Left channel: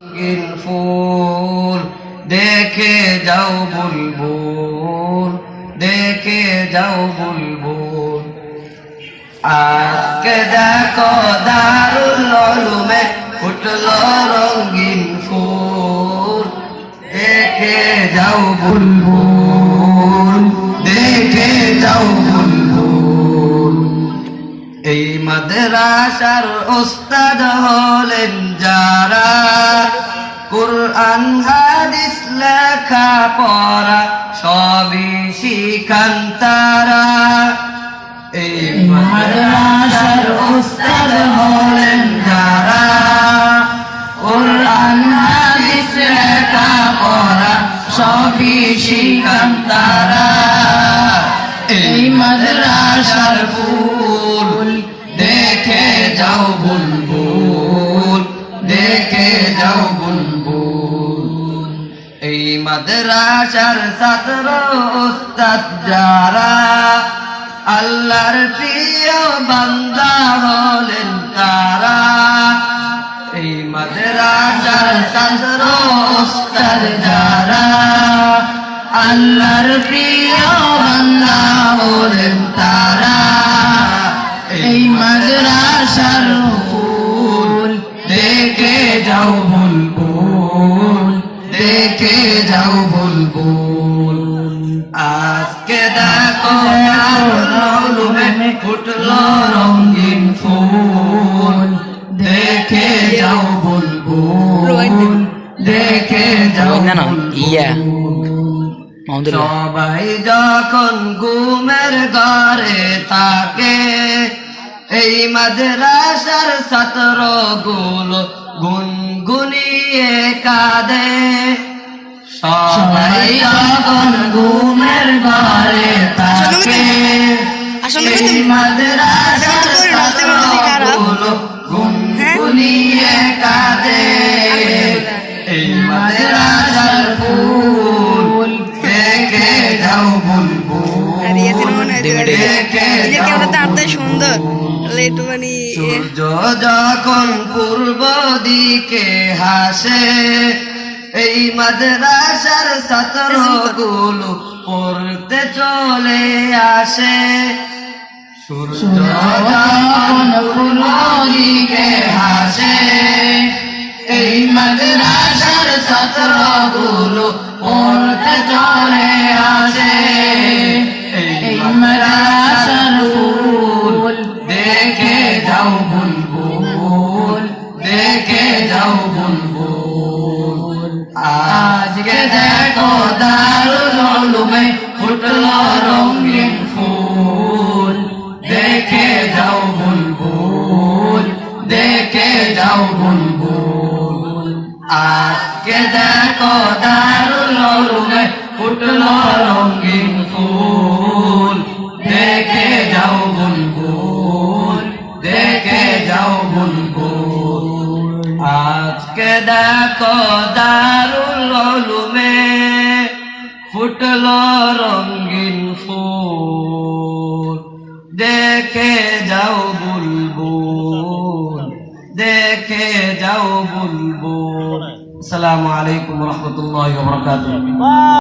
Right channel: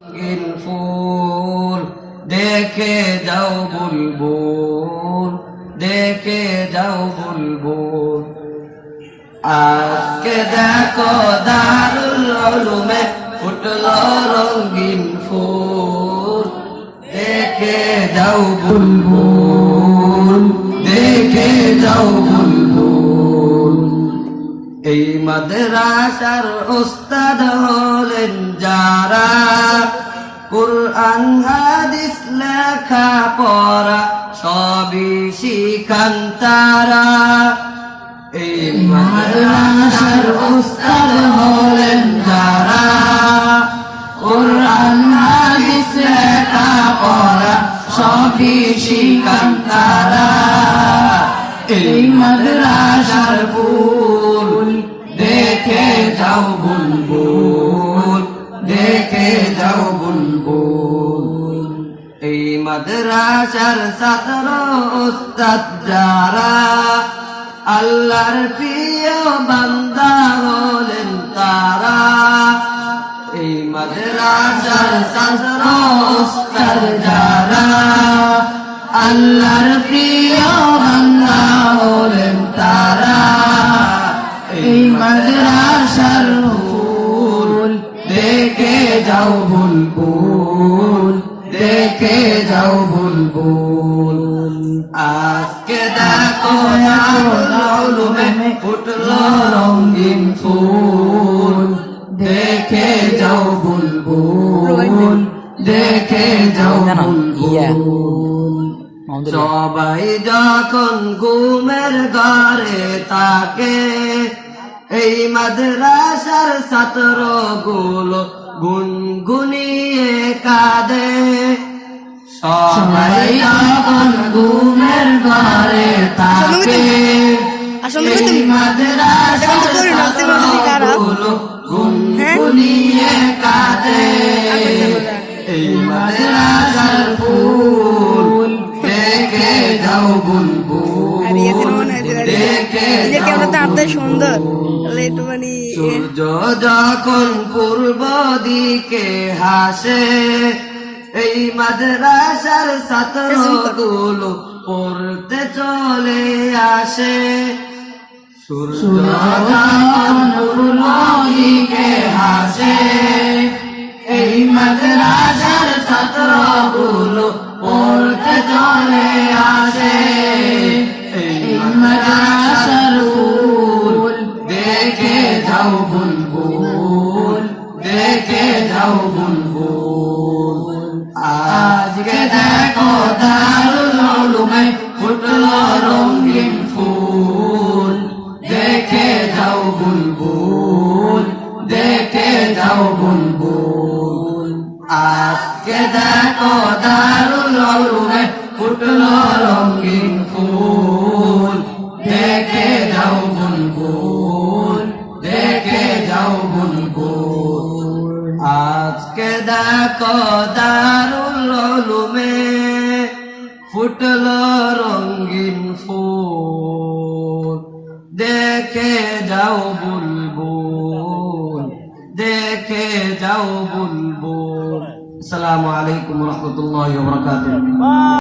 ফুল দেখে যাও বুলবুল, দেখে যাও বুলবুল। আজকে দেখো দারুল উলুমে ফুটলো রঙিন ফুল, দেখে যাও বুলবুল, দেখে যাও বুলবুল। এই মাদ্রাসার ওস্তাদ হলেন যারা, কুরআন হাদিস লেখা পড়া সবই শিখান তারা। এই মাদ্রাসার ওস্তাদ হলেন যারা, কুরআন হাদিস লেখা পড়া সবই শিখান তারা। এই মাদ্রাসার ফুল দেখে যাও বুলবুল, দেখে যাও বুলবুল। এই মাদ্রাসার ছাত্র ওস্তাদ যারা, আল্লাহর প্রিয় বান্দা হলেন তারা। এই মাদ্রাসার ছাত্র ওস্তাদ যারা, আল্লাহর প্রিয় বান্দা হলেন তারা। এই মাদ্রাসার ফুল দেখে যাও বুলবুল, দেখে যাও বুলবুল। আজকে দেখো ফুটলো রঙিন ফুল, দেখে যাও বুলবুল, দেখে যাও বুলবুল। সবাই যখন ঘুমের ঘরে থাকে, এই মাদ্রাসার ছাত্র গুলো গুনগুনিয়ে কাঁদে। সবাই যখন ঘুমের ঘরে থাকে, এই মাদ্রাসার ছাত্র গুলো গুনগুনিয়ে কাঁদে। এই মাদ্রাসার ফুল দেখে যাও বুলবুল, দেখে যাও সুন্দর। সূর্য যখন পূর্ব দিকে হাসে, এই মাদ্রাসার ছাত্র গুলো পড়তে চলে আসে। সূর্য যখন পূর্ব দিকে হাসে, এই মাদ্রাসার ছাত্র গুলো পড়তে চলে আসে। এই মাদ্রাসার ফুল দেখে যাও বুলবুল, দেখে যাও বুলবুল। আজকে দেখো দারুল উলুমে ফুটলো রঙিন ফুল, দেখে যাও বুলবুল, দেখে যাও বুলবুল। আজকে দেখো দারুল উলুমে ফুটলো রঙিন ফুল, দেখে যাও বুলবুল, দেখে যাও বুলবুল। আজকে দেখো দারুল উলুমে ফুটলো রঙিন ফুল, দেখে যাও বুলবুল, দেখে যাও বুলবুল। আসসালামু আলাইকুম ওয়া রাহমাতুল্লাহি ওয়া বারাকাতুহু।